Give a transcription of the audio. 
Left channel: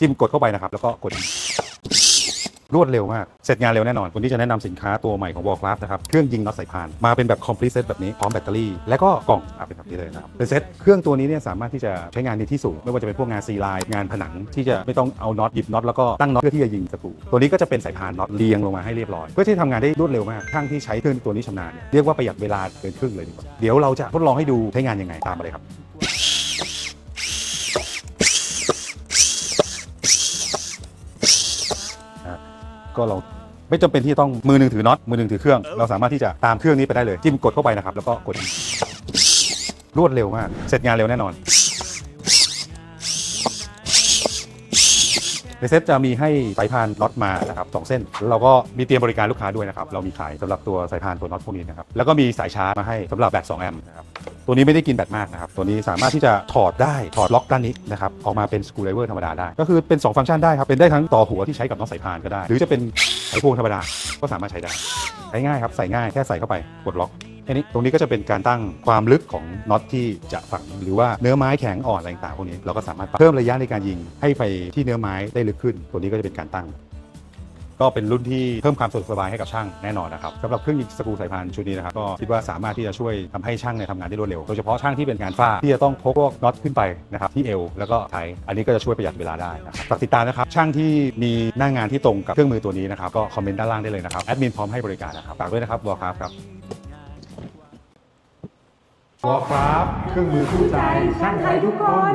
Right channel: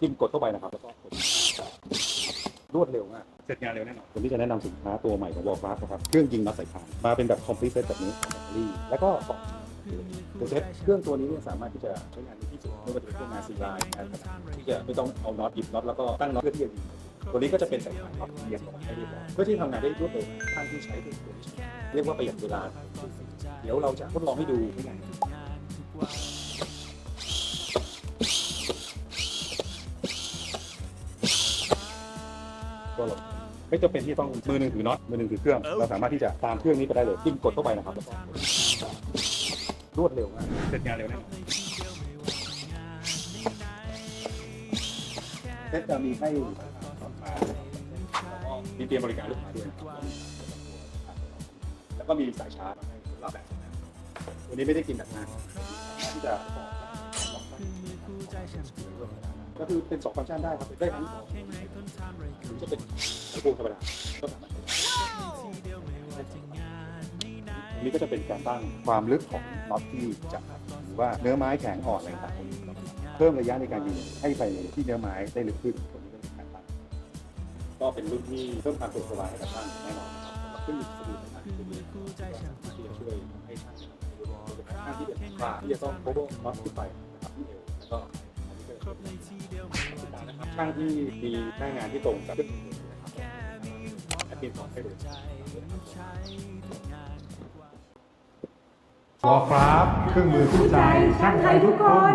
จิ้มกดเข้าไปนะครับ แล้วก็กดรวดเร็วมาก เสร็จงานเร็วแน่นอนวันนี้จะแนะนำสินค้าตัวใหม่ของ Wallcraft นะครับ เครื่องยิงน็อตสายพาน มาเป็นแบบ complete set แบบนี้ พร้อมแบตเตอรี่ และก็กล่องเป็นแบบนี้เลยนะครับ เป็นเซ็ตเครื่องตัวนี้เนี่ยสามารถที่จะใช้งานในที่สูง ไม่ว่าจะเป็นพวกงานซีไลน์งานผนัง ที่จะไม่ต้องเอาน็อตหยิบน็อตแล้วก็ตั้งน็อตเพื่อที่จะยิงศัตรูตัวนี้ก็จะเป็นสายพานน็อตเรียงลงมาให้เรียบร้อย เพื่อที่ทำงานได้รวดเร็วมากช่างที่ใช้เครื่องตัวนี้ชำนาญ เรียกว่าประหยัดเวลาเกินครึ่งเลยดีกว่าเดี๋ยวเราจะทดลองให้ดูใช้งานยังไงตามมาเลยครับ ก็เราไม่จำเป็นที่ต้องมือหนึ่งถือน็อตมือหนึ่งถือเครื่อง เราสามารถที่จะตามเครื่องนี้ไปได้เลยจิ้มกดเข้าไปนะครับแล้วก็กดรวดเร็วมากเสร็จงานเร็วแน่นอน ในเซ็ตจะมีให้สายพานน็อตมานะครับสองเส้นแล้วเราก็มีเตรียมบริการลูกค้าด้วยนะครับเรามีขายสำหรับตัวสายพานตัวน็อตพวกนี้นะครับแล้วก็มีสายชาร์จมาให้สำหรับแบต2แอมป์นะครับตัวนี้ไม่ได้กินแบตมากนะครับตัวนี้สามารถที่จะถอดได้ถอดล็อกด้านนี้นะครับออกมาเป็นสกรูไดเวอร์ธรรมดาได้ ก็คือเป็น 2 ฟังก์ชันได้ครับเป็นได้ทั้งต่อหัวที่ใช้กับน็อตสายพานก็ได้ หรือจะเป็นไขควงธรรมดาก็สามารถใช้ได้ใช้ง่ายครับใส่ง่ายแค่ใส่เข้าไปกดล็อก แค่นี้ตรงนี้ก็จะเป็นการตั้งความลึกของน็อตที่จะฝังหรือว่าเนื้อไม้แข็งอ่อนอะไรต่างๆพวกนี้เราก็สามารถเพิ่มระยะในการยิงให้ไปที่เนื้อไม้ได้ลึกขึ้น ตัวนี้ก็จะเป็นการตั้ง ก็เป็นรุ่นที่เพิ่มความสะดวกสบายให้กับช่างแน่นอนนะครับสำหรับเครื่องยิงสกรูสายพานชุดนี้นะครับก็คิดว่าสามารถที่จะช่วยทำให้ช่างเนี่ยทำงานได้รวดเร็วโดยเฉพาะช่างที่เป็นงานฝ้าที่จะต้องพกพวกน็อตขึ้นไปนะครับที่เอวแล้วก็ไทยอันนี้ก็จะช่วยประหยัดเวลาได้นะครับฝากติดตามนะครับช่างที่มีหน้างานที่ตรงกับเครื่องมือตัวนี้นะครับก็คอมเมนต์ด้านล่างได้เลยนะครับแอดมินพร้อมให้บริการนะครับฝากด้วยนะครับวอลคราฟครับวอลคราฟเครื่องมือคู่ใจช่างไทยทุกคน